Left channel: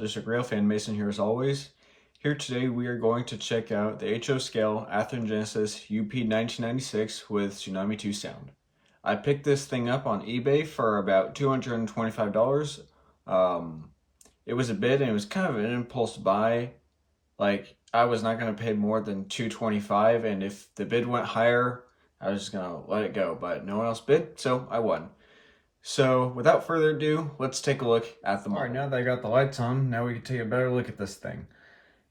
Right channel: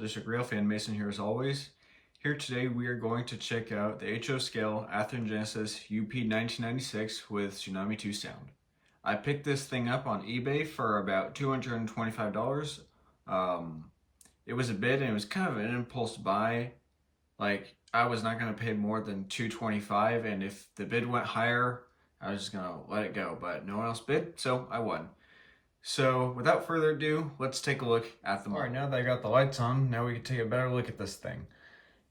District Railfan Mason here as always. Here today we are going to check out the HO scale Athearn Genesis UP 1996 with Tsunami 2 sound. I picked this thing up on eBay for about $225. It was a bid and it was kind of an impulse buy. Like, I was not going to pay more than $225, and if the bid went higher, I was just going to let it go, but no one else bid, so I won. So, without further ado, let's take a look at the model. Alright, now that I got the lights on, now we can take a better look at this thing.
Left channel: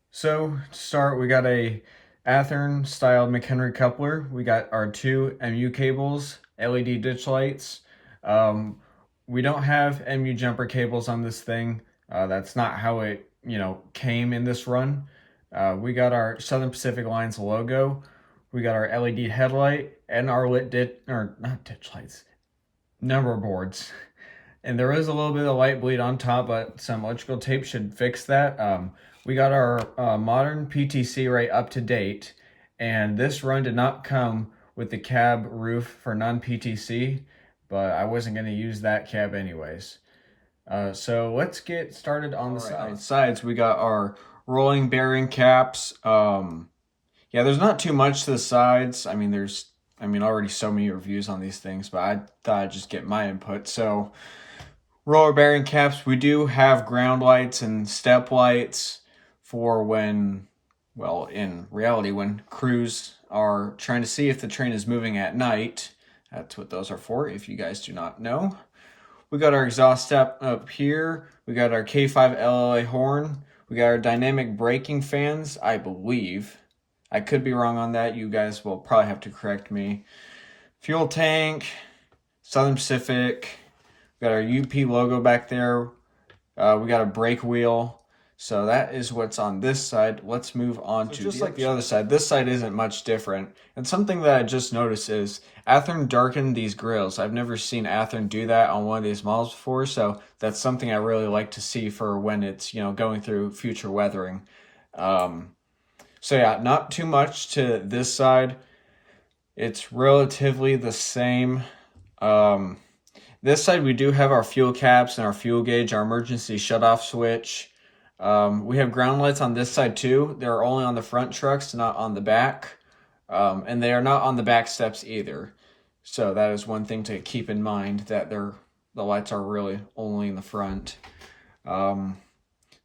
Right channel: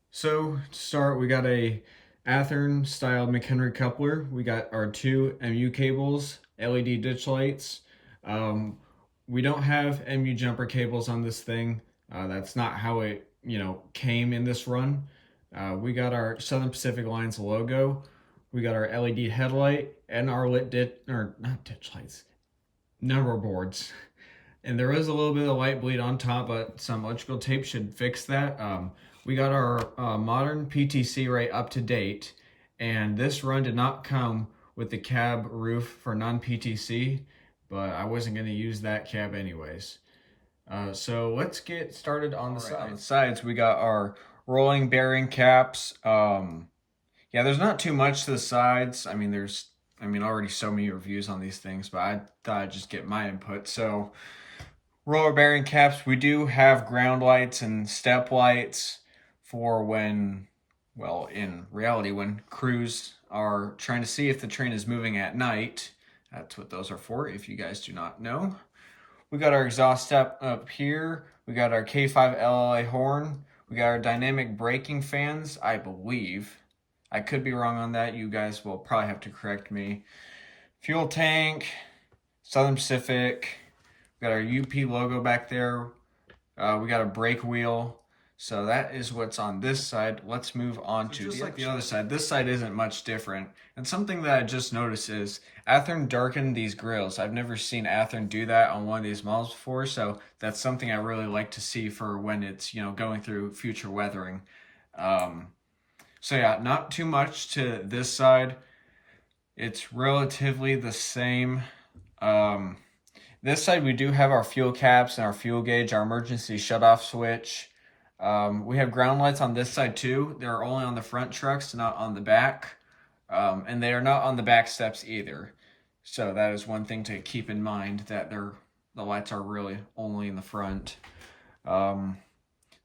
So, to start, we got a Athearn style McHenry coupler. We got our two MU cables, LED ditch lights. We don't have MU jumper cables on this thing. That's not how it, came in this run. We got our Southern Pacific Lines logo. We got our LED headlight and our number boards, and there is a little bit of light bleed on top, but some electrical tape should fix that. We got our modern PTC right up to date, and this run did not come with the cab roof for non-PTC, but I wasn't going to use that cab anyways. So let's get started on the sides. On the sides, we got our rolling bearing caps. Yeah, there's not too much to the sides. I mean, already so many reviews on these things, but I thought I'd just get my input. So, roller bearing caps, we do have ground lights and step lights for when, well, in reality, when crews are trying to see if the train is moving at night. That's what those are for, if you guys do not know. We got our exhaust step up here. We got our K5 LLA horn. We got our dynamic braking fans, I believe. I could be wrong on that. You guys will probably have to correct me. Fuel tank, Southern Pacific. We got our UP logo back there. We got a brake wheel. So that is what's on this side. Let's move on to just like the other side. This side isn't much different. And something that I just noticed is Athearn darkened these grills. I've never seen Athearn do that on one of these models before. So that's something I really like to see for when it's, going through future weathering. So yeah, not too much to this side. It's relatively the same. This side we do have our fuel caps and our fuel gauge, our emergency shutoff switch. We have ground lights on this side too. They're only on the front trucks, not on the back. And they are not on the back steps either. So that is one thing to keep in mind, that the lights are really only in the front. So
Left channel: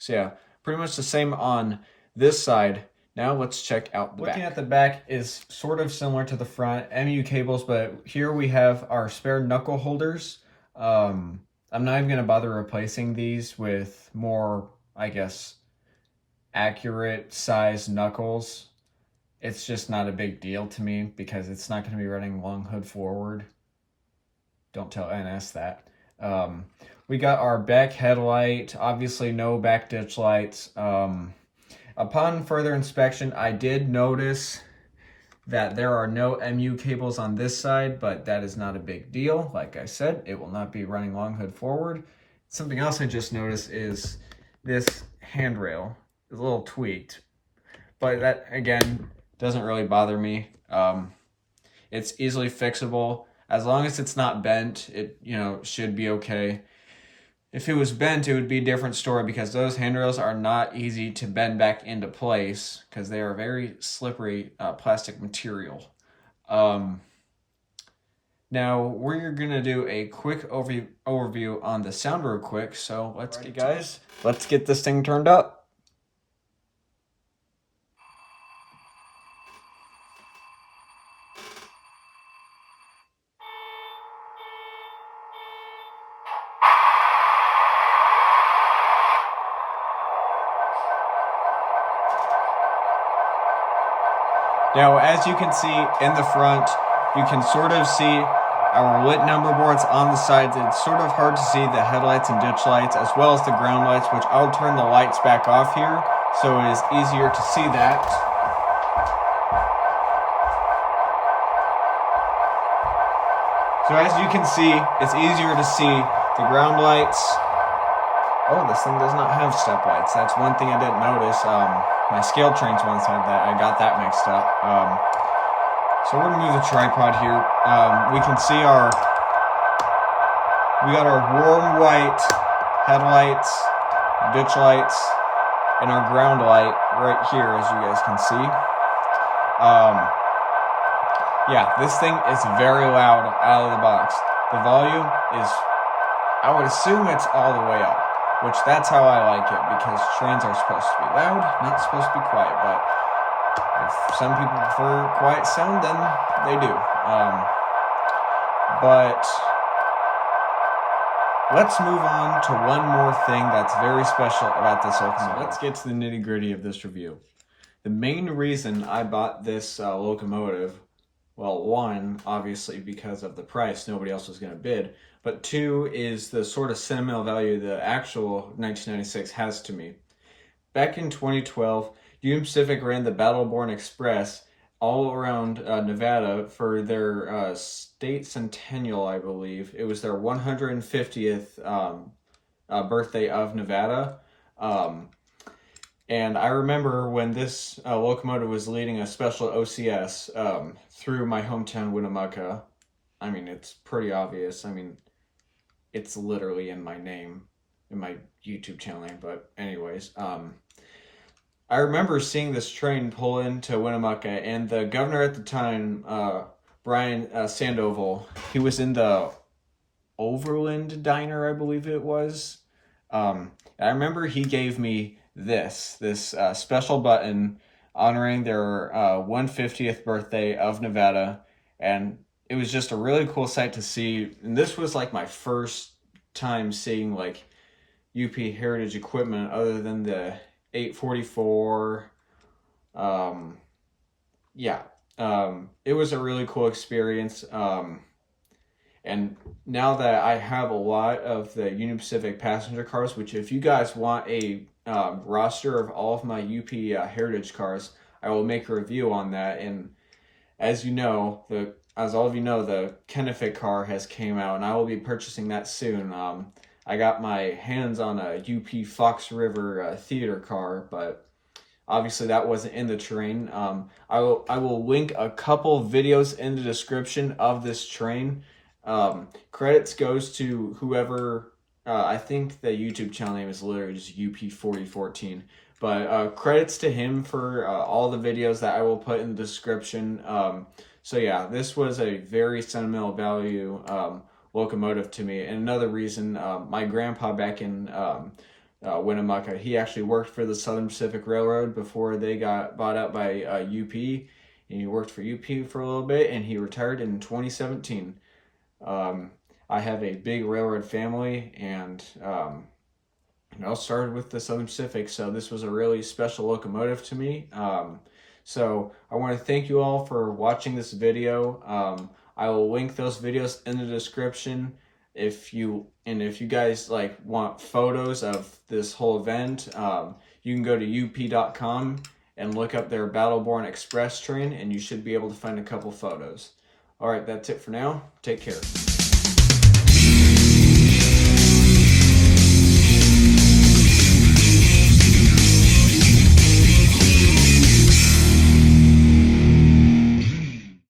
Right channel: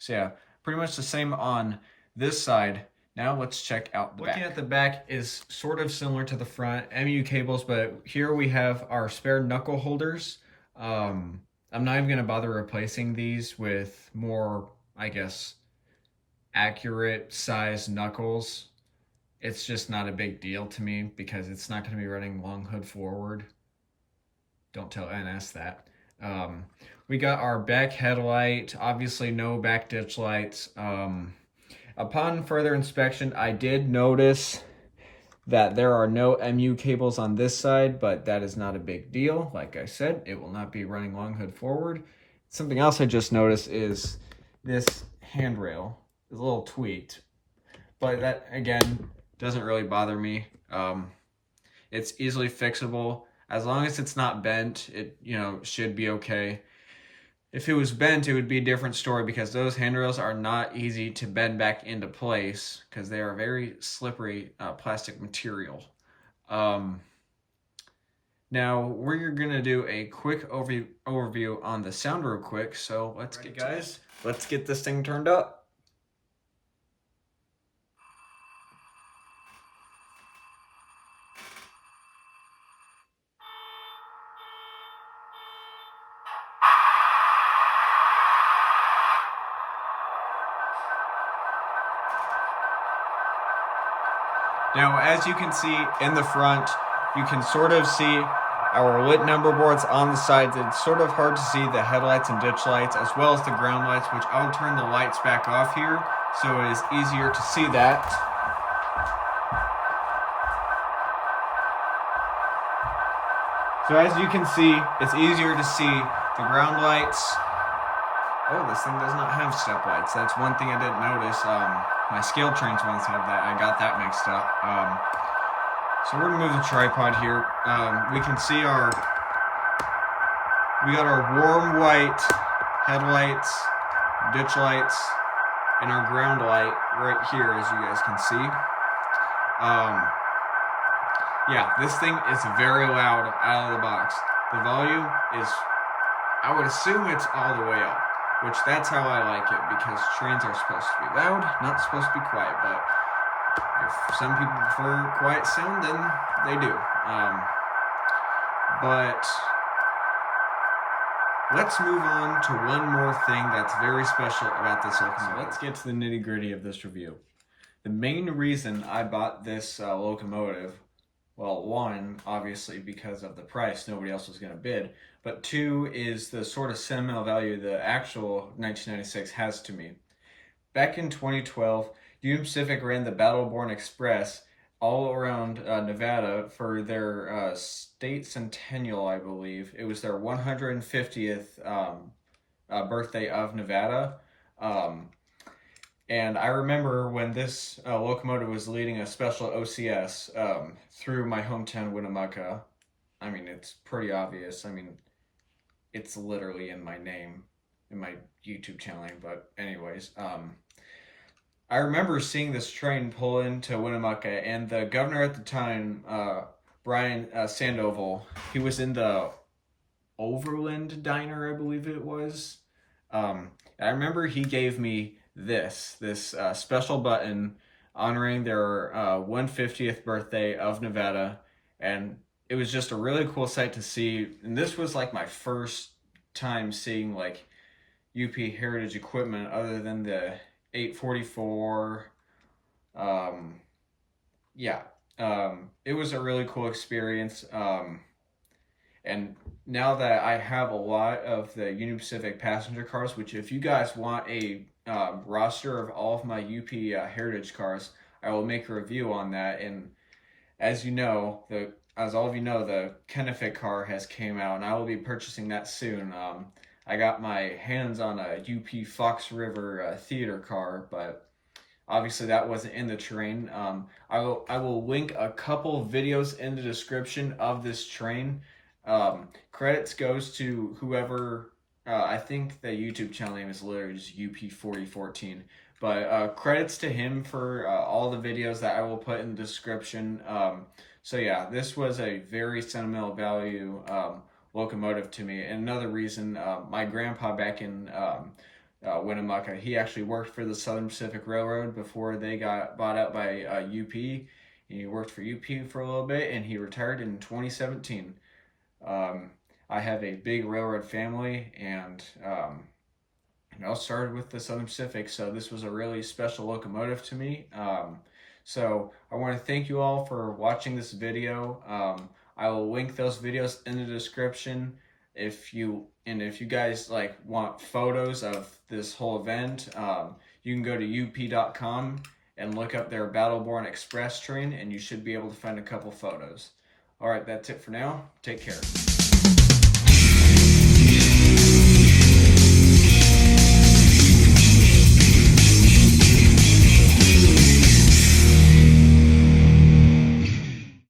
yeah, pretty much the same on this side. Now let's check out the back. Looking at the back is sort of similar to the front, MU cables, but here we have our spare knuckle holders. I'm not even going to bother replacing these with more, I guess, accurate size knuckles. It's just not a big deal to me because it's not going to be running long hood forward. Don't tell NS that. We got our back headlight, obviously no back ditch lights. Upon further inspection, I did notice that there are no MU cables on this side, but that is not a big deal. Like I said, it will not be running long hood forward. Something else I just noticed is this handrail is a little tweaked, but that, again, doesn't really bother me. It's easily fixable. As long as it's not bent, it, should be okay. If it was bent, it would be a different story because those handrails are not easy to bend back into place because they are very slippery plastic material. Now, we're going to do a quick overview on the sound real quick. So let's get this thing turned up. Now, as you can see in the front, you can sort of see our lit number boards on the sides. It's sort of hard to see the headlights and ditch lights as well as the ground lights, which I'll turn the lights back off here so it is easier to see that. So as you can see, it's easier to see the ground lights. Oh, this thing does not have step lights. That's one thing I didn't notice. My scale trains ones have that. I got that mixed up. So we're gonna move the tripod here. We can see we got our warm white headlights, ditch lights, and our ground light right here, as you guys can see. Yeah, this thing is very loud out of the box. The volume is, I would assume it's all the way up, which that's how I like it, because trains are supposed to be loud, not supposed to be quiet, but if some people prefer quiet sound, then they do. But let's move on to one more thing that's very special about this locomotive. So let's get to the nitty-gritty of this review. The main reason I bought this locomotive, well, one, obviously because of the price, nobody else was going to bid, but two is the sort of sentimental value the actual 1996 has to me. Back in 2012, Union Pacific ran the Battleborn Express all around Nevada for their state centennial, I believe. It was their 150th birthday of Nevada. And I remember when this locomotive was leading a special OCS through my hometown, Winnemucca. I mean, it's pretty obvious. I mean, it's literally in my name, in my YouTube channel name. But anyways, I remember seeing this train pull into Winnemucca, and the governor at the time, Brian Sandoval, he was in the Overland Diner, I believe it was. I remember he gave me this special button honoring their 150th birthday of Nevada, and it was just a really cool sight to see. And this was like my first time seeing like UP heritage equipment other than the 844. It was a really cool experience. And now that I have a lot of the Union Pacific passenger cars, which if you guys want a roster of all of my UP heritage cars, I will make a review on that. And as you know, as all of you know, the Kennefic car has came out, and I will be purchasing that soon. I got my hands on a UP Fox River theater car, but obviously that wasn't in the train. I will link a couple videos in the description of this train. Credits goes to whoever, I think the YouTube channel name is literally just UP4014, but credits to him for all the videos that I will put in the description. So yeah, this was a very sentimental value locomotive to me. And another reason, my grandpa back in Winnemucca, he actually worked for the Southern Pacific Railroad before they got bought out by UP. And he worked for UP for a little bit, and he retired in 2017. I have a big railroad family, and started with the Southern Pacific, so this was a really special locomotive to me. So I want to thank you all for watching this video. I will link those videos in the description. If you guys like want photos of this whole event, you can go to up.com and look up their Battleborn Express train, and you should be able to find a couple photos. All right, that's it for now. Take care.